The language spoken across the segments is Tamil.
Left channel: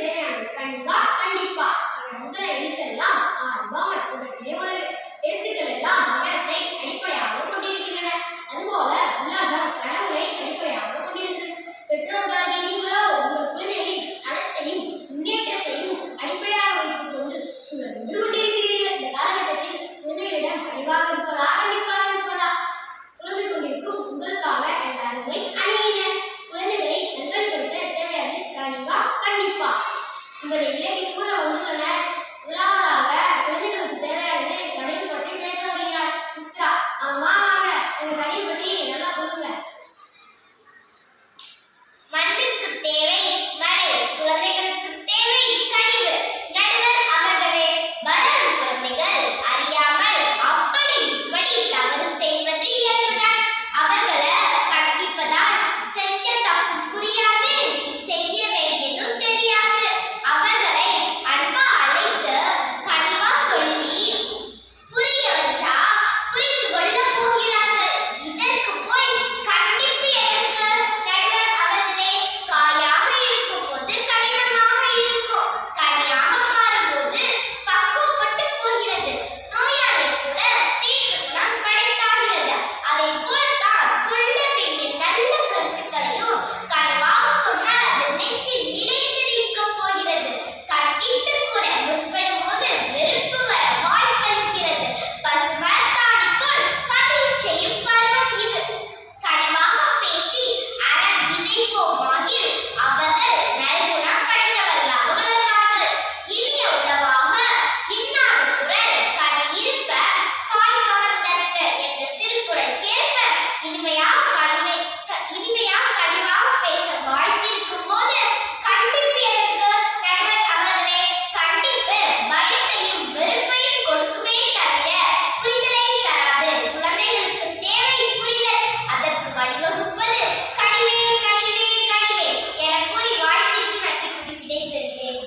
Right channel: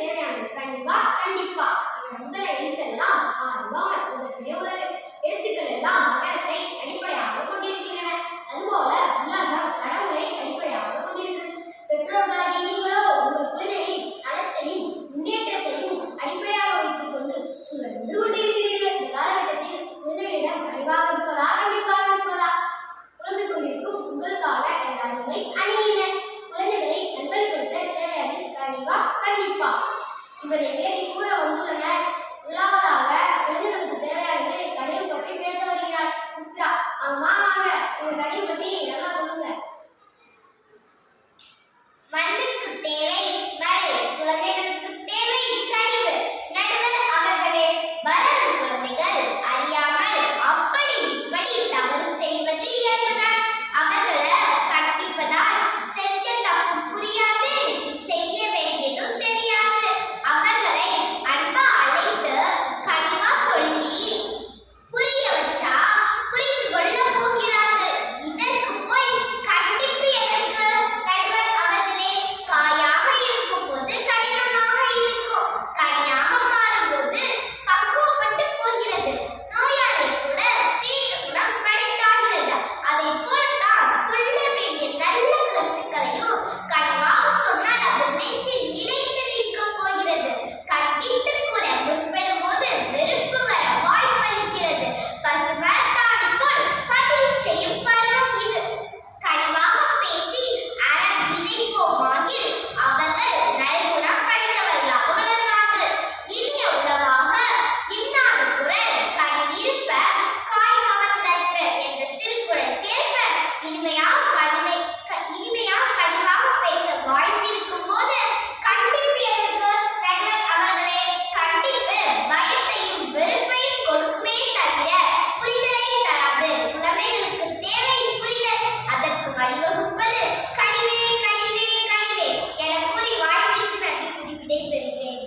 தேவையானது கண்டிப்பா கண்டிப்பா. முதல எழுத்தெல்லாம் ஆர்வம் உலகிலே உலகு எழுத்துக்கள் எல்லாம் மகரத்தை அடிப்படையாக கொண்டிருக்கின்றன. அதுபோல உலகம் கடவுளை அடிப்படையாக கொண்டிருக்கிறது. பெற்றோர்களாகிய நீங்களோ உங்கள் குழந்தைகளின் நலத்தையும் முன்னேற்றத்தையும் அடிப்படையாக வைத்துக் கொண்டு சுழன்று கொண்டிருக்கிறீர்கள். இந்த காலகட்டத்தில் குழந்தைகளிடம் கனிவாக இருப்பதா கண்டிப்பாக இருப்பதா புலம்பிக் கொண்டிருக்கும் உங்களுக்காக எனது அருமை அணியினர். குழந்தைகளை நல்வழிப்படுத்த தேவையானது கனிவா கண்டிப்பா என்பதை விலக்கி கூற வந்துள்ளனர். முதலாவதாக குழந்தைகளுக்கு தேவையானது கனிவு பற்றி பேச வருகிறார் மித்ரா. அம்மா வாங்க, இந்த கனிவு பற்றி நல்லா சொல்லுங்க. மண்ணுக்கு தேவை மழை, குழந்தைகளுக்கு தேவை கனிவு. நடுவர் அவர்களே, வளரும் குழந்தைகள் அறியாமல் அப்படி இப்படி தவறு செய்வது இயல்புதான். அவர்களை கண்டிப்பதால் செஞ்ச தப்பு புரியாது, செய்ய வேண்டியதும் தெரியாது. அவர்களை அன்பா அழைத்து கனிவா சொல்லி புரிய வச்சா புரிந்து கொள்ள போகிறார்கள். இதற்கு போய் கண்டிப்பு எதற்கு? நடுவர் அவர்களே, காயாக இருக்கும் போது கடினமாக இருக்கும், கனியாக மாறும்போது பக்குவப்பட்டு போகிறது. நோயாளி கூட தீர்க்கணும் படைத்தாகிறது. அதை போலத்தான் சொல்ல வேண்டிய நல்ல கருத்துக்களையும் கனிவாக சொன்னால் அது நெஞ்சில் நிலைத்து நிற்கப் போகிறது. கண்டித்து கூற முற்படும் போது வெறுப்பு வர வாய்ப்பளிக்கிறது. பசுமரத்தாணி போல் பதிவு செய்யும் பருவம் இது. கனிவாக பேசி அறம் விதைப்போமாகில் அவர்கள் நல்குணம் படைத்தவர்களாக வளர்வார்கள். இனிய உணவாக இன்னாத குரல் கனி இருப்ப காய் கவர்ந்தற்ற என்ற திருக்குறள் கேட்ப இனிமையாக கனிவாக பேச வாய்ப்பிருக்கும் போது கண்டிப்பு எதற்கு? நடுவர் அவர்களே, கண்டிப்பு பயத்தையும் வெறுப்பையும் கொடுக்குமே தவிர புரிதலை தராது. குழந்தைகளுக்கு தேவை புரிதல், அதற்கு வழிவகுப்பது கனிவே கனிவே கனிவே என கூறி வாய்ப்பிற்கு நன்றி கூறி விடைபெறுகிறேன்.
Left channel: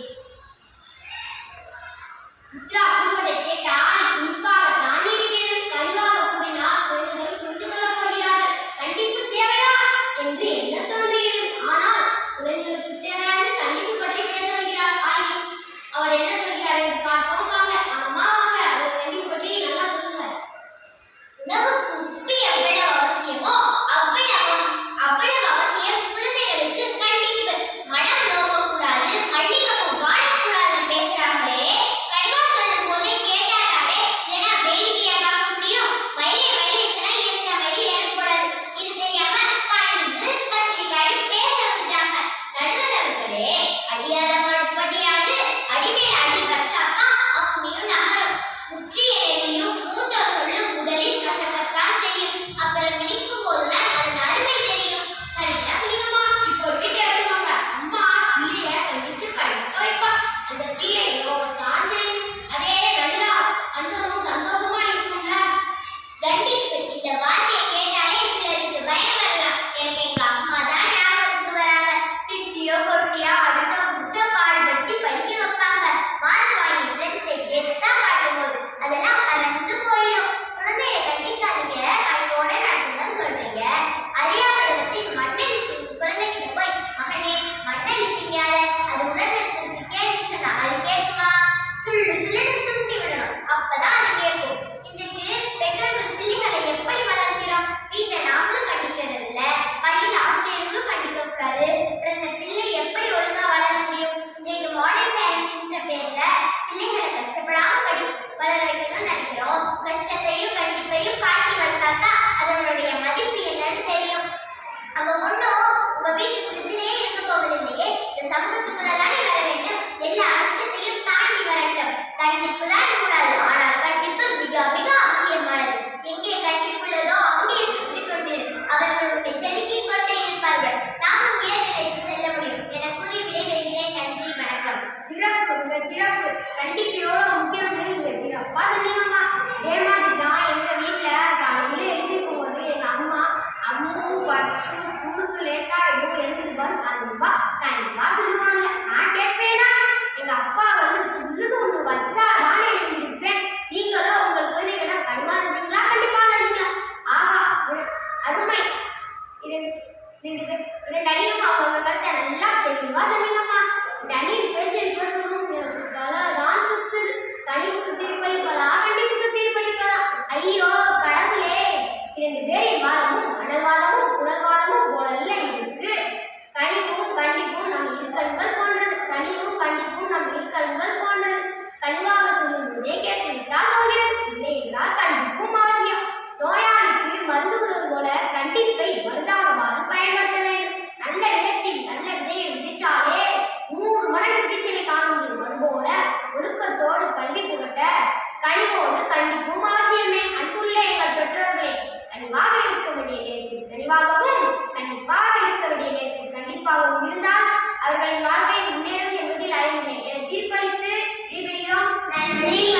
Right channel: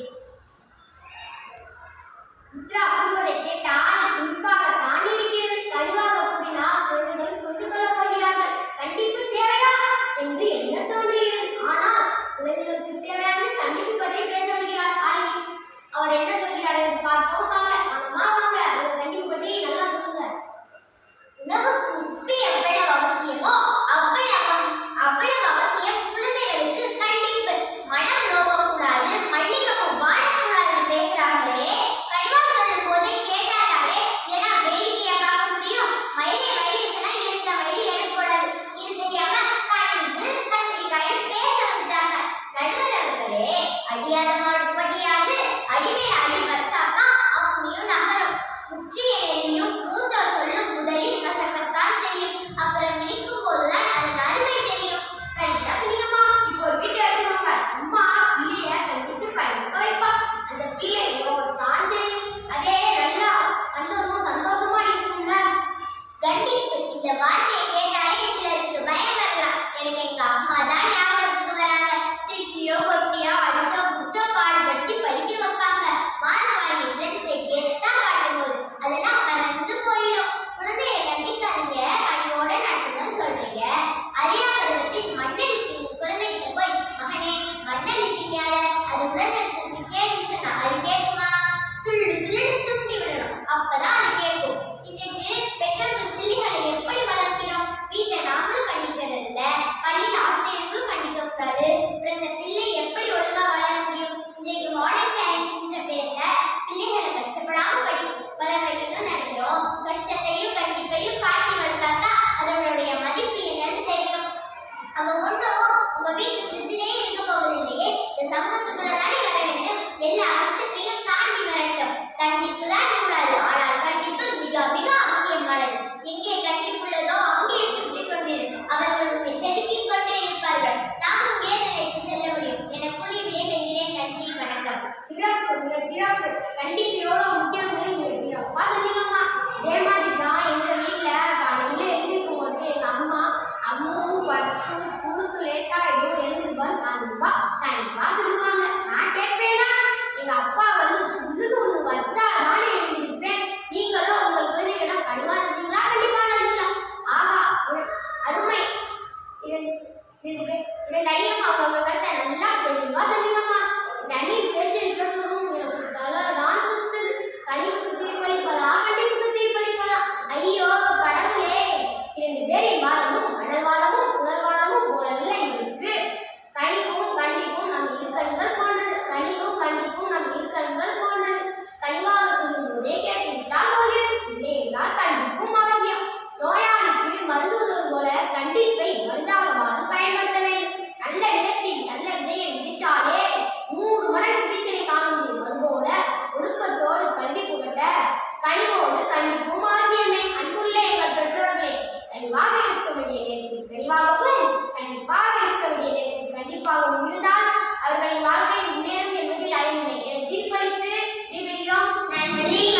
மித்ரா கூறுவதை கேட்டால் இனிப்பாகத்தான் இருக்கிறது. கனிவாக கூறினால் குழந்தைகள் புரிந்து கொள்ளப் போகிறார்கள். கண்டிப்பு தேவையா என்று என்ன தோன்றுகிறது. ஆனால் குழந்தைகளுக்கு தேவையானது கண்டிப்பு பற்றி பேச வருகிறார் ஆலினி. அவர் என்ன சொல்கிறார் என்று பார்ப்போம் வாங்க. அம்மா வாங்க, உங்க கண்டிப்பு பற்றி நல்லா சொல்லுங்க. உணவுக்கு உப்பு எவ்வளவு அவசியமோ அவ்வளவு அவசியம் குழந்தைகளுக்கு கண்டிப்பு. மனம் நோகக்கூடாது, மல்லிகைப்பூ வாடக்கூடாதுன்னு பேசுறாங்களே, கனிவா சொல்லும் போதே கேட்டாலே ஏன்னா வேடிக்கையை பார்க்க முடியும். மயிலே சொன்னா எந்த மயிலும் ஏற்படாது. இது தெரியாம கனிவு கத்திரிக்காய் பேச வந்துட்டாங்க. நடுவர் அவர்களே, அடியாத மாடு படியாது, அடிமேல் அடி வச்சாதான் அம்மியும் நகரும். முற்றிய நெல்லியும் மூத்தோர் சொல்லும் முதலில் கசக்கத்தான் செய்யும். அப்புறம் இடிக்கும் போதுதான் அதன் அருமை தெரியும். சரியா சொன்னீங்கம்மா. இப்போ ஒரு வீட்டை எடுத்துக்கோங்க. அம்மா பிள்ளைய கண்டித்து படிக்க வைப்பா. அந்த பிள்ளை தான் செய்யும். அதே நல்லா அந்தரும் சந்தோஷமா இருக்கும்ல. கண்டிப்பு இந்த வார்த்தையை கேட்டாலே சிலருக்கு பயம் வரலாம். எனக்கு எங்க அம்மா தான் ஞாபகத்துக்கு வராங்க. திட்டியோ கொட்டியோ அடிச்சோ புடிச்சோ பாடுபடுத்தி படிக்க வைப்பாங்க. மார்க் வாங்கி ஃப்ரெண்ட்ஸை கெத்தா காட்டும் போது அதெல்லாம் பறந்து போயிடும். குழந்தைய கண்டிக்காதீங்க, கனிவோட நடத்துங்கன்னு சொல்றீங்க. அறியா பருவத்தில் மண்ணெழுத்து குழந்தைகிட்ட போய் மகனே மண்ணெழுத்திங்காத, அது உடல் நலத்துக்கு கேடுன்னு சொன்னா அது கேட்குமா? சுள்ளுன்னு சுண்டி விடணும், அப்பதான் அது கேட்கும். இன்றைக்கு பெற்றோர்கள் பிள்ளைகளை எப்படி வளர்க்கிறோம்? வீட்டுல நாமளும் கண்டிக்கிறது இல்ல, பள்ளியில் ஆசிரியர்களும் கண்டிக்க கூடாது. அப்புறம் இந்த பிள்ளை எப்படி ஒழுங்கா வளர முடியும்? இன்றைக்கு மாடர்ன் பேரண்ட்ன்ற பேர்ல பிள்ளைகளை கஷ்டப்படாம வளர வைக்கணும்னு நினைக்கிறோம். கஷ்டத்தையும் கண்டிப்பையும் காட்டி வளர்த்தாதான் அதனுடைய மதிப்பு என்னன்னு தெரியும். அவ ஒன்றும் உங்க வீட்டு ஃப்ரிட்ஜிலேயே இருக்க போவதில்லையே, இந்த சமூகத்துக்குள்ளதானே வர வேண்டும். எல்லா கஷ்டத்தையும் தாண்டி வரட்டும். கண்டிப்பு தான் கூடாது, ஆனால் கண்டிப்பு மிக மிக அவசியமானது. எங்கே கண்டிப்புள்ளதோ அங்கே சுற்றி கொண்டிரு. அவர்கள் உன்னை செதுக்கிக் கொண்டே இருப்பார்கள். நாமும் உயர்நிலைக்கு செல்ல முடியும் என கூறி விடைபெறுகிறேன். நன்றி, வணக்கம். சிறப்பு, மிக சிறப்பு. கண்டிப்பு எவ்வளவு முக்கியம்னு மிக சிறப்பா சொன்னீங்கம்மா. இதே மாதிரி தான் எங்க வீட்டுல காலையில எழுந்திருக்கும் போது எங்க அம்மா பட்டு ஸ்கூலுக்கு லேட்டா எதுவும் எழுந்திருப்பான்னு அன்பா கண்டிப்பா சொல்லுவாங்க. நான் கேட்பேனா, எங்க அப்பா வந்து சொல்லுன்னு ஒண்ணு வச்சா தானே எழுந்திருப்பேன். நீங்களும் உங்கள் குழந்தைகளிடம் கனிவா இருந்தீங்களா? கண்டிப்பா இருந்தீங்களா? ஆகா, அருமை. இரண்டு அணியும் அவங்க கருத்தை நல்லா தெளிவா சொன்னீங்கம்மா. இந்த அணியின் பேச்சு கண்டிப்பை மருந்தாகவாது பயன்படுத்த வேண்டும். நல்ல நிலத்தில் நல்ல விதையை விதைச்சாலே 100 மடங்கு விதைச்சலை காண முடியும். அதுபோல ஒழுக்கத்தோடு கல்வி புகட்ட கனிவோடு கண்டிப்பும் அவசியமே. அன்புள்ள எங்கள் பெற்றோர்களே, கனிவாக இருக்க வேண்டிய நேரத்தில் கனிவாகவும் கண்டிப்பாக இருக்க வேண்டிய நேரத்தில் கண்டிப்பாகவும் இருந்தால் அவர்களின் வாழ்க்கை முன்னேறும் என்பதில் அறிவில்லை என தீர்ப்பளித்து விடைபெறுகிறோம். நன்றி.